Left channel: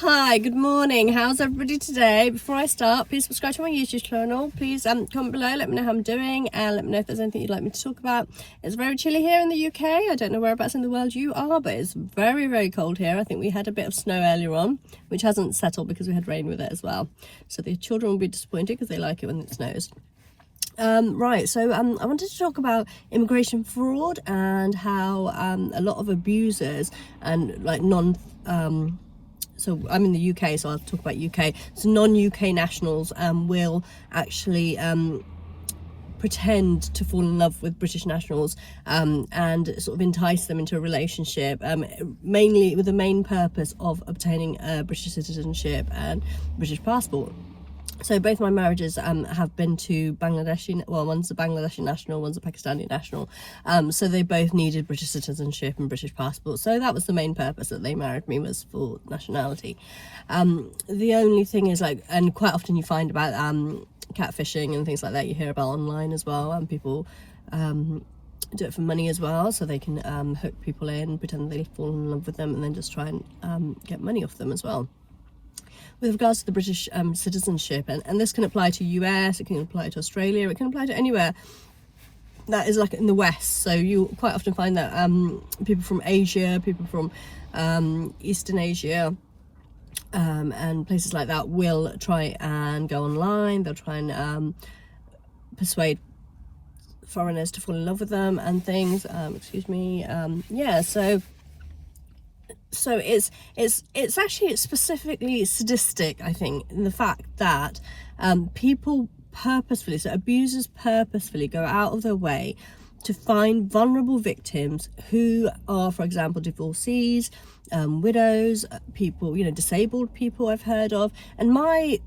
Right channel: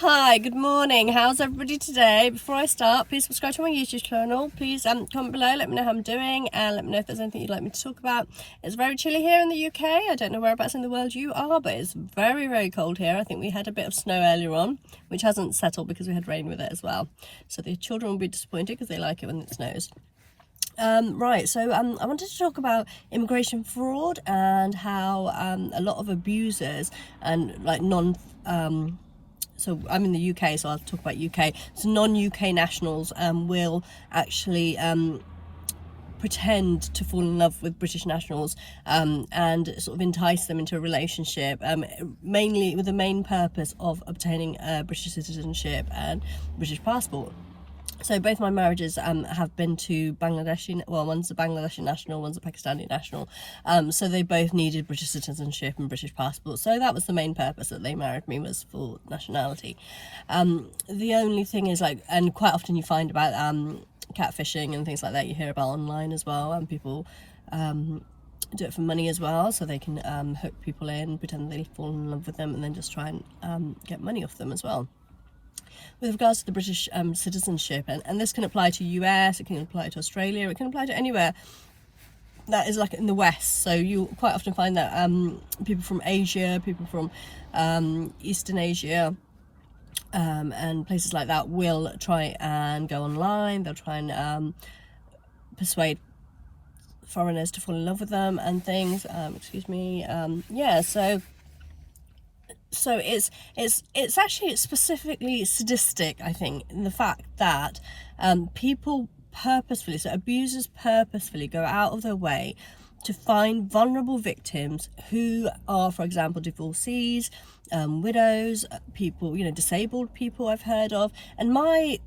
Hi, good morning. How's everybody today? Before I start, please subscribe to my YouTube channel. Please comment below, let me know how I'm doing, and let me know if there's anything you'd like me to talk about. It's very chilly here in the UK. I don't know whereabouts in the world you are, but it's very, very cold here. I think we had a bit of snow earlier on, which hasn't settled because we had rain with it as well. So the children will be disappointed because they like it when it snows. I wanted to talk about immigration fraud and how a lot of abusers and like so I'm in the UK, so I'll talk about UK. So non-UK nationals will actually pretend to fall in love with British nationals and sort of entice them into a relationship, mainly with the main purpose of obtaining British citizenship and British passport. So both my marriages have been to Bangladeshi, well, one's a Bangladeshi national, one's a Pakistani national. So they both needed British citizenship and British passport. So that was the main purpose that they married me, was for nationality. The only thing is, like, and quite often you find about catfishing and things like that, you hear about online as well, and people do it for money as well, so they can hook people in, pretend they fall in love with them, and then just try and get money off them as well. With regards to the British citizenship, and this can apply to US, it can apply to Australia, it can apply to anywhere that is like in the West. So you quite often find that people from Asia, people from Eastern Asia and places like that will try and go online. They'll try and persuade foreigners to fall in love with them and things. So it's actually specifically sadistic, I think, in the fact that people purposefully, so abusers purposefully go out of their way to find vulnerable victims who are, for example, divorcees, widows, people, disabled people I've heard of. And my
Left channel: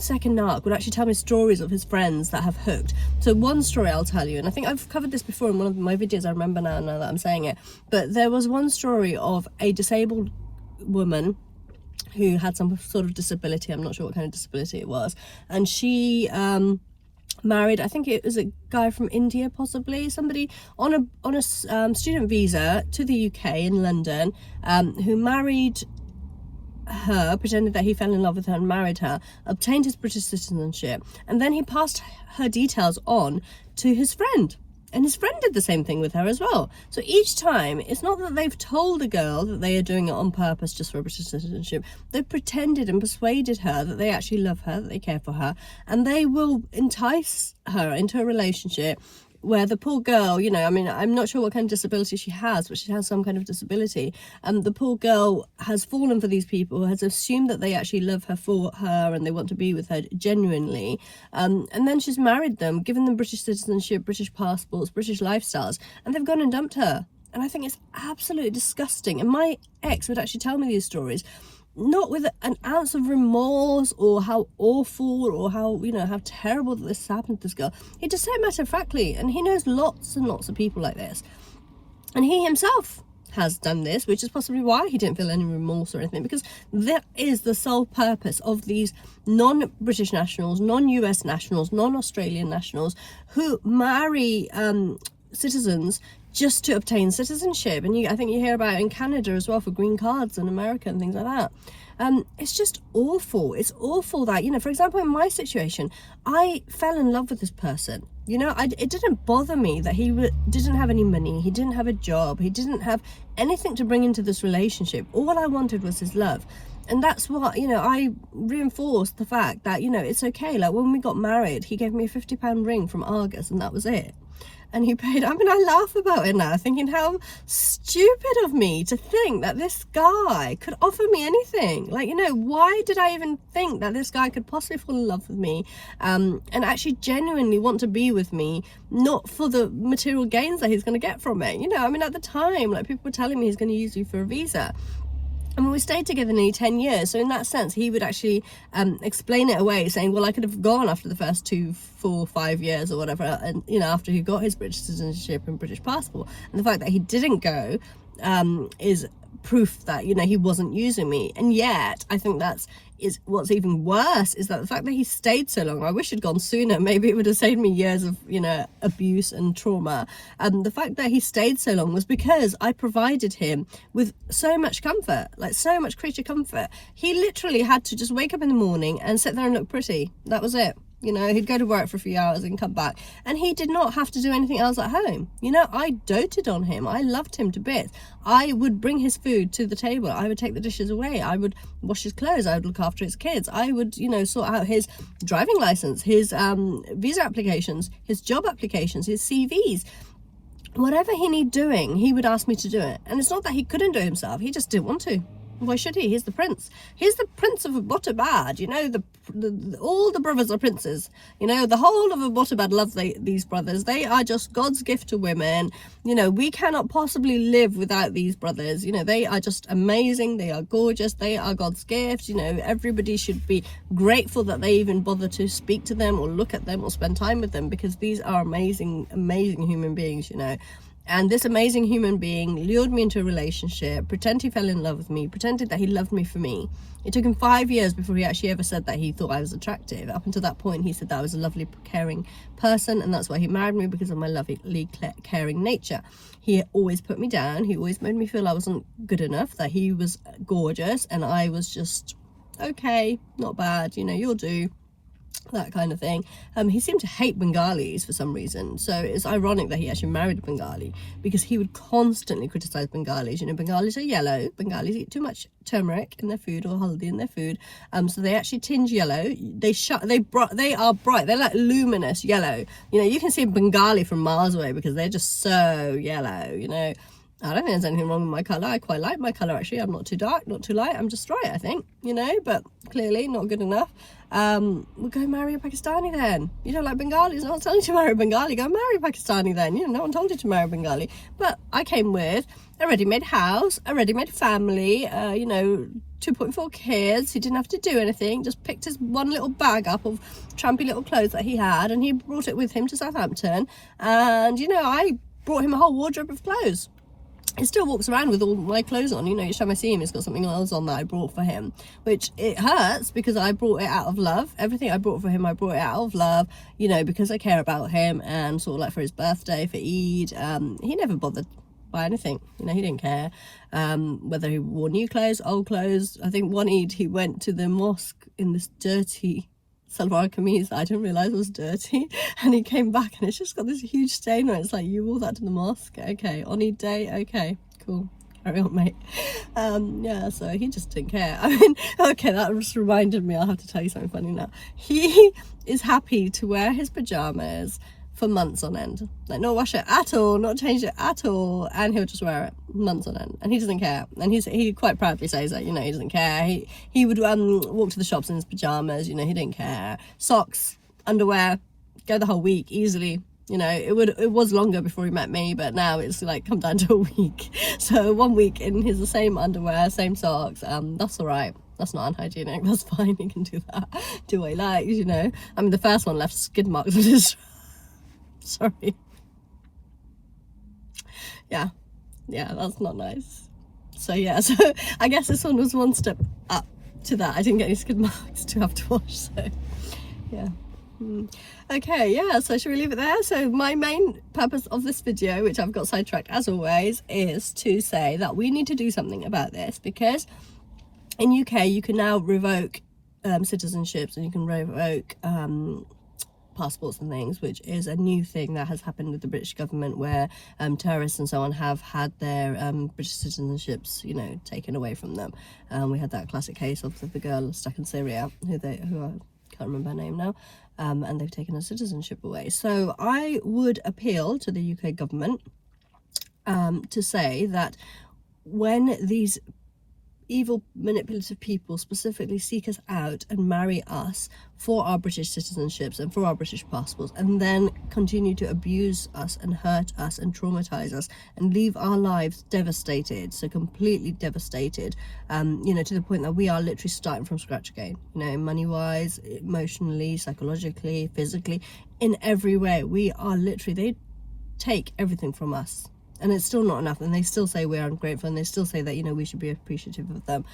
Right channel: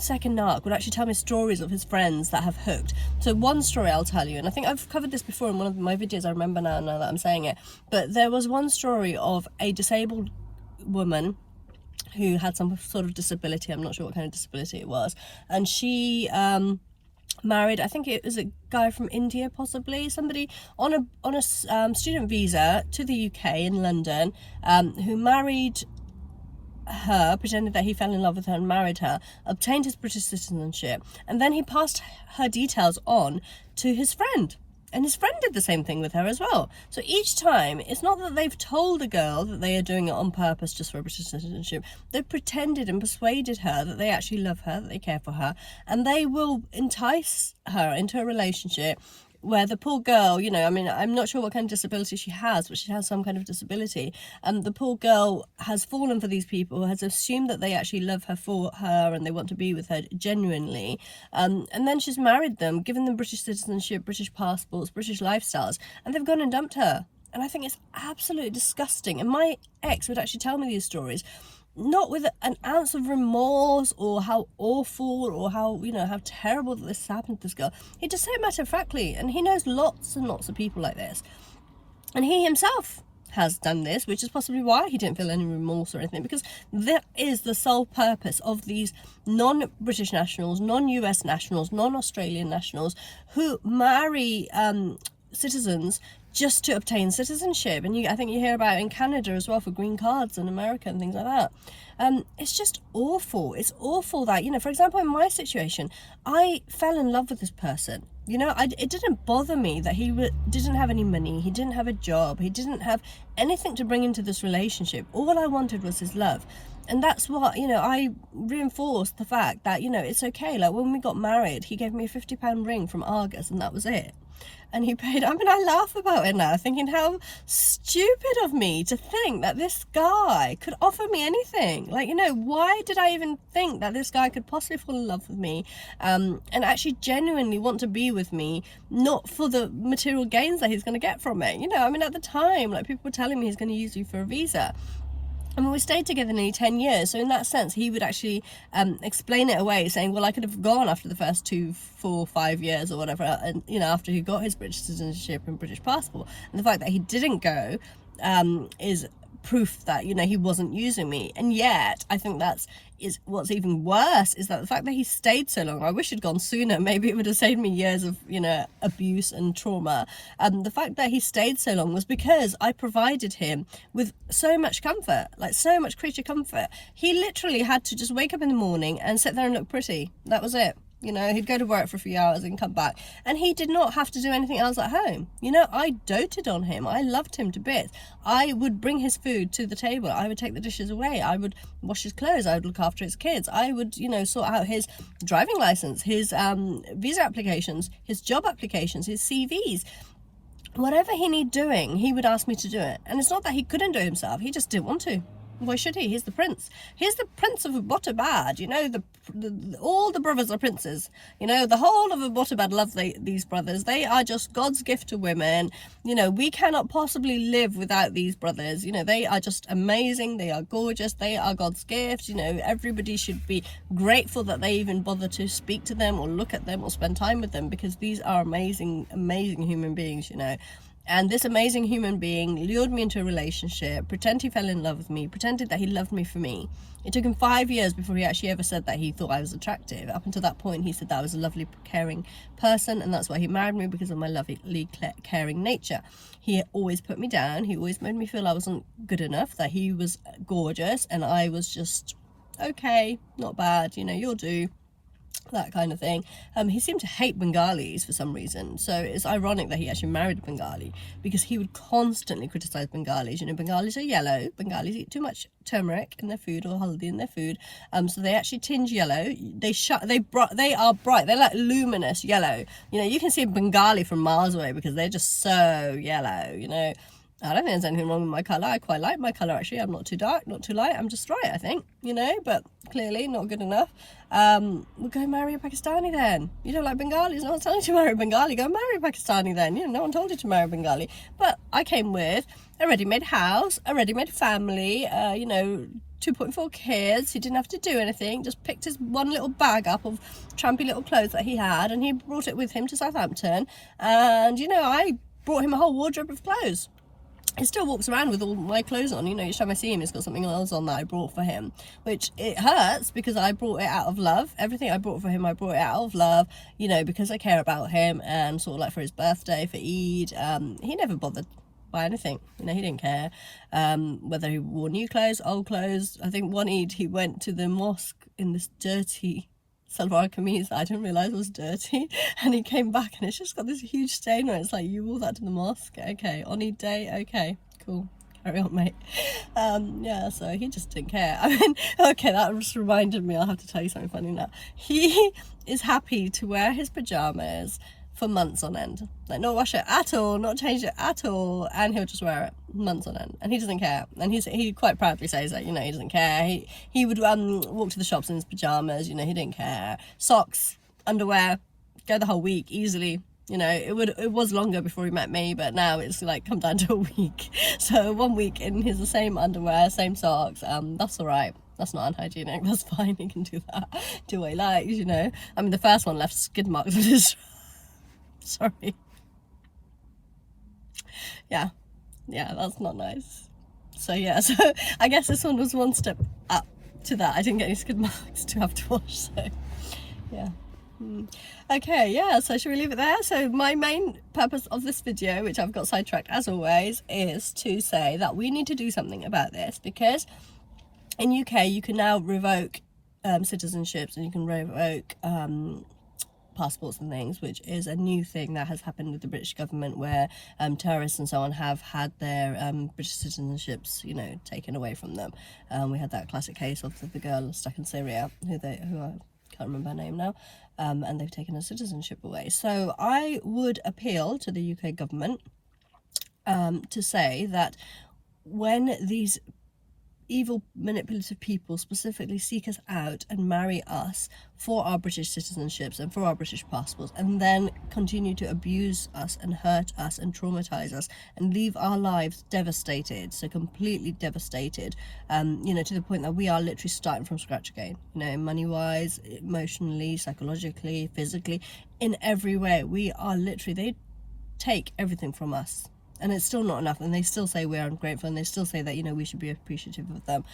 second narc would actually tell me stories of his friends that have hooked. So one story I'll tell you, and I think I've covered this before in one of my videos, I remember now that I'm saying it, but there was one story of a disabled woman who had some sort of disability. I'm not sure what kind of disability it was, and she married, I think it was a guy from India, possibly somebody on a student visa to the UK in London, who married her, pretended that he fell in love with her and married her, obtained his British citizenship, and then he passed her details on to his friend, and his friend did the same thing with her as well. So each time, it's not that they've told a girl that they are doing it on purpose just for British citizenship. They've pretended and persuaded her that they actually love her, that they care for her, and they will entice her into a relationship where the poor girl, I'm not sure what kind of disability she has, but she has some kind of disability. And the poor girl has fallen for these people, has assumed that they actually love her for her and they want to be with her genuinely. And then she's married them, given them British citizenship, British passports, British lifestyles, and they've gone and dumped her. And I think it's absolutely disgusting. And my ex would actually tell me these stories, not with an ounce of remorse or how awful or how terrible that this happened to this girl. He just said matter-of-factly, and he knows lots and lots of people like this, and he himself has done this, which is possibly why he didn't feel any remorse or anything, because that is the sole purpose of these non-British nationals, non-US nationals, non-Australian nationals who marry citizens just to obtain citizenship. And I think you hear about it in Canada as well for green cards, in America and things like that. It's just awful. It's awful that, for example, in my situation, I fell in love with this person. It didn't bother me that he didn't have any money, he didn't have a job, he didn't have anything to bring into this relationship. All I wanted was his love. And that's what, I reinforced the fact that, it's okay. Like, when we got married, he gave me a £50 ring from Argos, and that was it. And he paid, I laugh about it now, thinking how stupid of me to think that this guy could offer me anything. Like, why did I even think that this guy could possibly fall in love with me and actually genuinely want to be with me, not for the material gains that he's going to get from it. At the time, like, people were telling me he's going to use you for a visa. I mean, we stayed together nearly 10 years, so in that sense, he would actually explain it away, saying, well, I could have gone after the first 2, 4, 5 years or whatever, and, after he got his British citizenship and British passport. And the fact that he didn't go is proof that, you know, he wasn't using me. And yet I think is what's even worse, is that the fact that he stayed so long. I wish he'd gone sooner. Maybe it would have saved me years of, you know, abuse and trauma. The fact that he stayed so long was because I provided him with so much comfort, like so much creature comfort. He literally had to just wake up in the morning and sit there and look pretty. That was it. You know, he'd go to work for a few hours and come back, and he did not have to do anything else at home. You know, I doted on him. I loved him to bits. I would bring his food to the table. I would take the dishes away. I would wash his clothes. I would look after his kids. I would, you know, sort out his driving license, his visa applications, his job applications, his CVs. Whatever he needed doing, he would ask me to do it. And it's not that he couldn't do it himself. He just didn't want to. Why should he? He's the prince. He's the prince of Abbottabad. You know, all the brothers are princes. You know, the whole of Abbottabad love these brothers. They are just God's gift to women. You know, we cannot possibly live without these brothers. You know, they are just amazing. They are gorgeous. They are God's gift. You know, everybody should be grateful that they even bother to speak to them or look at them or spend time with them, because these are amazing, amazing human beings, you know. And this amazing human being lured me into a relationship, pretended he fell in love with me, pretended that he loved me for me. It took him 5 years before he actually ever said that he thought I was attractive. Up until that point, he said that I was a lovely, caring person, and that's why he married me, because of my lovely, caring nature. He always put me down. He always made me feel I wasn't good enough, that he was gorgeous, and I was just, okay, not bad, you know, you'll do. That kind of thing. He seemed to hate Bengalis for some reason, so it's ironic that he actually married a Bengali, because he would constantly criticize Bengalis. You know, Bengalis are yellow. Bengalis eat too much turmeric in their food or haldi in their food, so they actually tinge yellow. They are bright. They're like luminous yellow. You know, you can see a Bengali from miles away because they're just so yellow. You know, I don't think there's anything wrong with my colour. I quite like my colour, actually. I'm not too dark, not too light. I'm just right, I think, you know, but clearly not good enough. We'll go marry a Pakistani then. You don't like Bengalis? No one's telling you to marry a Bengali. Go marry a Pakistani then. You know, no one told you to marry a Bengali. But I came with a ready-made house, a ready-made family, you know, 2.4 kids. He didn't have to do anything, just picked his one little bag up of trampy little clothes that he had, and he brought it with him to Southampton. And, you know, I brought him a whole wardrobe of clothes. He still walks around with all my clothes on. You know, each time I see him, he's got something else on that I brought for him, which it hurts because I brought it out of love. Everything I brought for him, I brought it out of love, you know, because I care about him. And sort of like for his birthday, for Eid, he never bothered by anything. You know, he didn't care whether he wore new clothes, old clothes. I think one Eid he went to the mosque in this dirty salwar kameez I didn't realize was dirty, and he came back and it's just got this huge stain where it's like, you wore that to the mosque? Okay, on Eid day, okay, cool, carry on, mate. Yeah, so he just didn't care. I mean, okay, that just reminded me, I'll have to tell you something funny now. He is happy to wear his pajamas for months on end, like not wash it at all, not change it at all, and he'll just wear it months on end, and he doesn't care. And he quite proudly says that, you know, he doesn't care. He would walk to the shops in his pajamas, you know, he didn't care. Socks, underwear, go the whole week easily. You know, it was longer before he met me, but now it's like come down to a week. So 1 week in his same underwear, same socks, that's all right. That's not unhygienic, that's fine, he can do that, do what he likes, you know. I mean, the first one left skid marks on his sorry. Yeah, that's not nice. So yeah, so I guess this one was one step up to that. I didn't get any skid marks to have to wash, so yeah. Okay, yeah, so should we leave it there? So my main purpose of this video, which I've got sidetracked as always, is to say that we need to do something about this, because in UK you can now revoke citizenships, and you can revoke passports and things, which is a new thing that has happened with the British government, where terrorists and so on have had their British citizenships, you know, taken away from them. We had that classic case of the girl stuck in Syria, who I can't remember her name now, and they've taken her citizenship away. So I would appeal to the UK government to say that when these evil manipulative people specifically seek us out and marry us for our British citizenships and for our British passports, and then continue to abuse us and hurt us and traumatize us and leave our lives devastated, so completely devastated, you know, to the point that we are literally starting from scratch again, you know, money wise, emotionally, psychologically, physically, in every way. We are literally, they take everything from us. And it's still not enough, and they still say we're ungrateful, and they still say that, you know, we should be appreciative of them.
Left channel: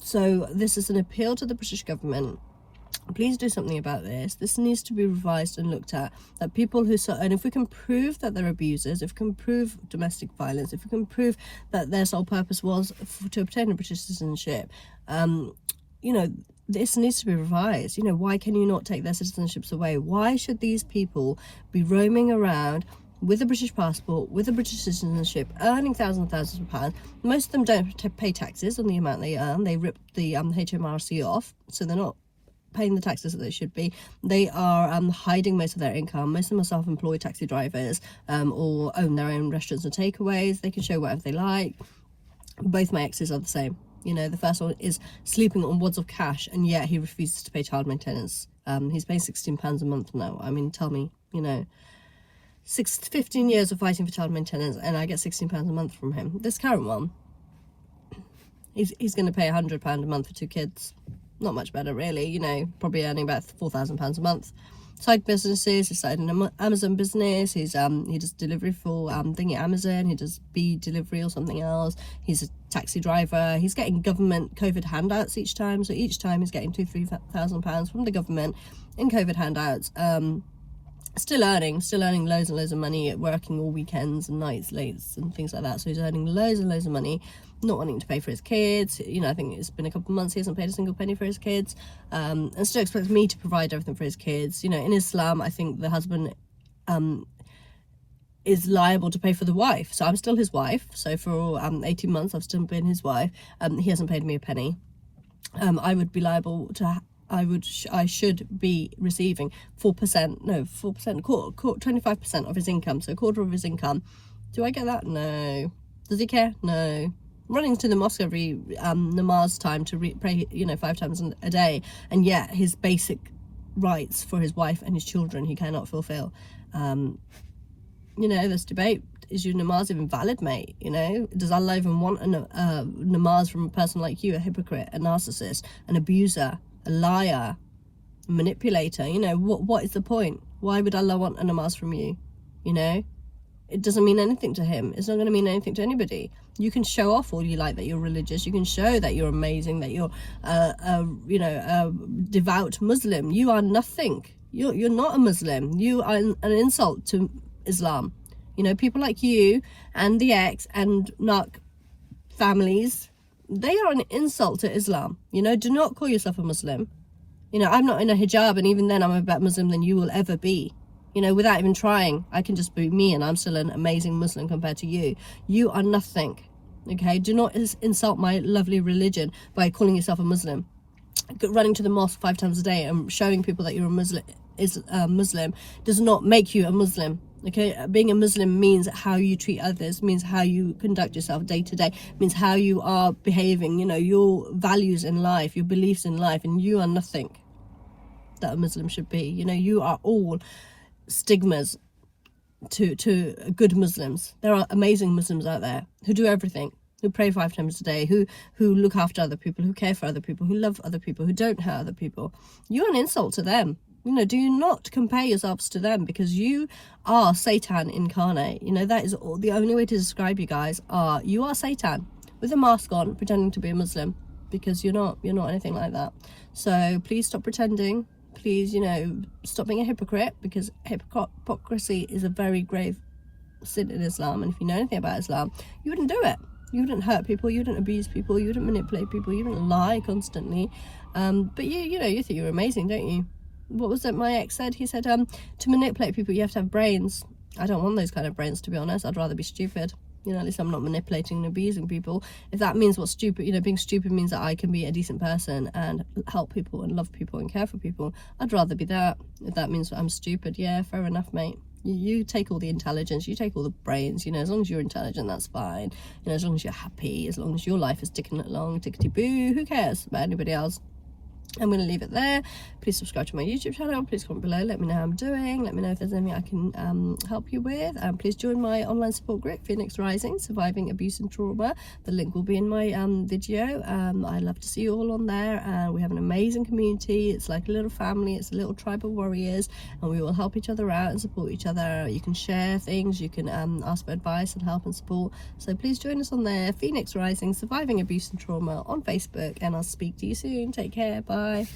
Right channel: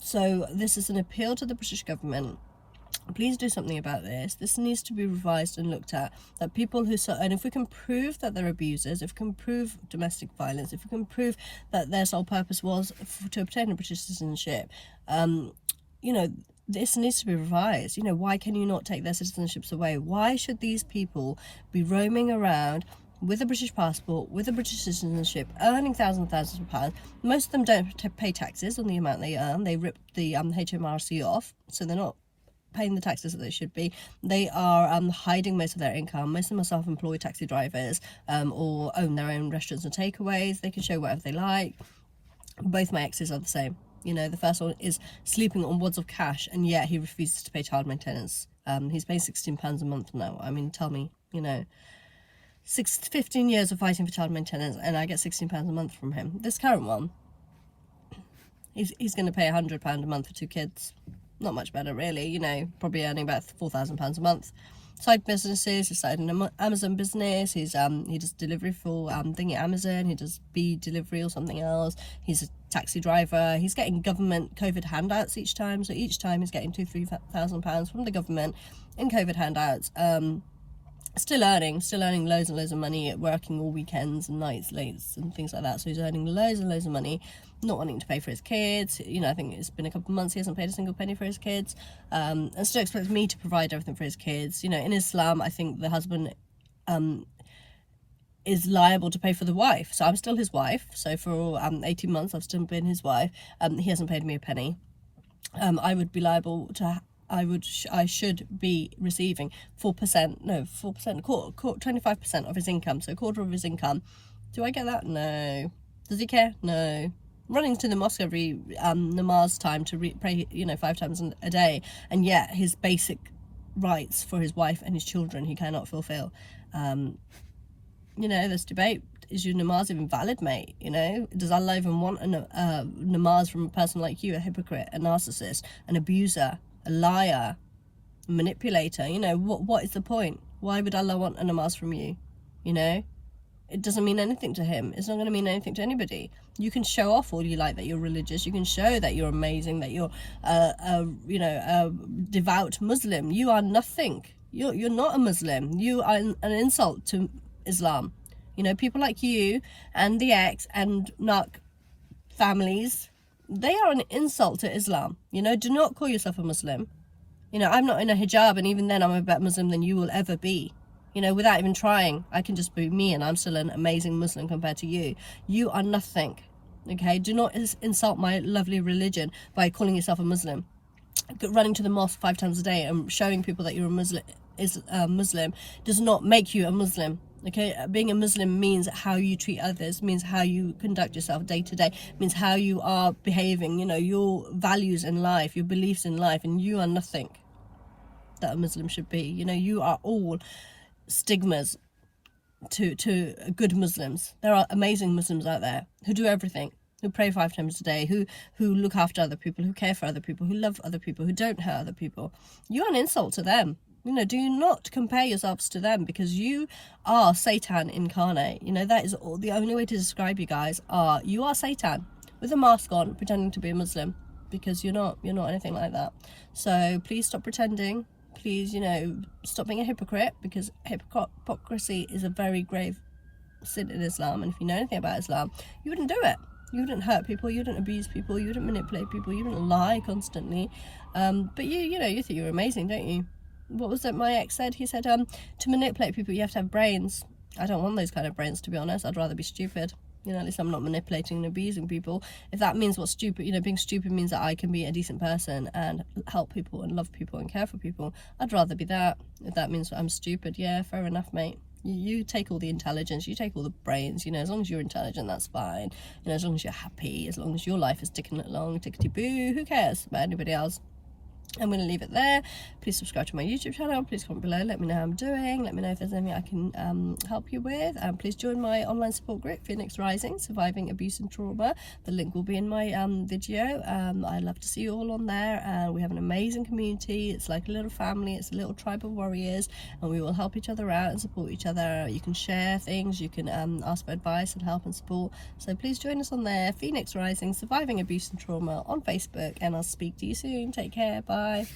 So this is an appeal to the British government. Please do something about this. This needs to be revised and looked at. That people who, and if we can prove that they're abusers, if we can prove domestic violence, if we can prove that their sole purpose was to obtain a British citizenship, you know, this needs to be revised. You know, why can you not take their citizenships away? Why should these people be roaming around with a British passport, with a British citizenship, earning thousands of pounds? Most of them don't pay taxes on the amount they earn. They rip the HMRC off, so they're not paying the taxes that they should be. They are hiding most of their income. Most of them are self-employed taxi drivers, or own their own restaurants and takeaways. They can show whatever they like. Both my exes are the same. You know, the first one is sleeping on wads of cash, and yet he refuses to pay child maintenance. He's paying £16 a month now. I mean, tell me, you know, 15 years of fighting for child maintenance, and I get £16 a month from him. This current one, he's going to pay £100 a month for 2 kids. Not much better, really. You know, probably earning about £4,000 a month. Side businesses. He started an Amazon business. He does delivery for Amazon. He does bee delivery or something else. He's a taxi driver. He's getting government COVID handouts each time. So each time he's getting £2,000-3,000 from the government in COVID handouts. Still earning loads and loads of money, working all weekends and nights, lates and things like that. So he's earning loads and loads of money, not wanting to pay for his kids. You know, I think it's been a couple of months he hasn't paid a single penny for his kids, and still expects me to provide everything for his kids. You know, in Islam, I think the husband is liable to pay for the wife. So I'm still his wife. So for 18 months I've still been his wife. He hasn't paid me a penny. I would be liable to I should be receiving 25% of his income, so a quarter of his income. Do I get that? No. Does he care? No. Running to the mosque every namaz time to pray, you know, 5 times a day, and yet his basic rights for his wife and his children he cannot fulfill. You know, this debate, is your namaz even valid, mate? You know, does Allah even want a namaz from a person like you, a hypocrite, a narcissist, an abuser, a liar, a manipulator? You know, what is the point? Why would Allah want a namaz from you? You know, it doesn't mean anything to him. It's not going to mean anything to anybody. You can show off all you like that you're religious. You can show that you're amazing, that you're you know, a devout Muslim. You are nothing. You're not a Muslim. You are an insult to Islam. You know, people like you and the ex and Narc families, they are an insult to Islam. You know, do not call yourself a Muslim. You know, I'm not in a hijab, and even then I'm a better Muslim than you will ever be. You know, without even trying, I can just be me, and I'm still an amazing Muslim compared to you. You are nothing. Okay, do not insult my lovely religion by calling yourself a Muslim. Running to the mosque 5 times a day and showing people that you're a Muslim does not make you a Muslim. Okay, being a Muslim means how you treat others, means how you conduct yourself day to day, means how you are behaving, you know, your values in life, your beliefs in life, and you are nothing that a Muslim should be. You know, you are all stigmas to good Muslims. There are amazing Muslims out there who do everything, who pray 5 times a day, who look after other people, who care for other people, who love other people, who don't hurt other people. You're an insult to them. You know, do not compare yourselves to them, because you are Satan incarnate. You know, that is all, the only way to describe you guys are, you are Satan with a mask on, pretending to be a Muslim, because you're not anything like that. So please stop pretending. Please, you know, stop being a hypocrite, because hypocrisy is a very grave sin in Islam. And if you know anything about Islam, you wouldn't do it. You wouldn't hurt people, you wouldn't abuse people, you wouldn't manipulate people, you wouldn't lie constantly. But you know, you think you're amazing, don't you? What was it my ex said? He said, to manipulate people, you have to have brains. I don't want those kind of brains, to be honest. I'd rather be stupid. You know, at least I'm not manipulating and abusing people. If that means what stupid, you know, being stupid means that I can be a decent person and help people and love people and care for people, I'd rather be that. If that means I'm stupid, yeah, fair enough, mate. You take all the intelligence, you take all the brains, you know, as long as you're intelligent, that's fine. You know, as long as you're happy, as long as your life is ticking along, tickety-boo, who cares about anybody else? I'm going to leave it there. Please subscribe to my YouTube channel. Please comment below. Let me know how I'm doing. Let me know if there's anything I can help you with. Please join my online support group, Phoenix Rising, Surviving Abuse and Trauma. The link will be in my video. I'd love to see you all on there. And we have an amazing community. It's like a little family. It's a little tribe of warriors. And we will help each other out and support each other. You can share things. You can ask for advice and help and support. So please join us on there. Phoenix Rising, Surviving Abuse and Trauma on Facebook. And I'll speak to you soon. Take care. Bye.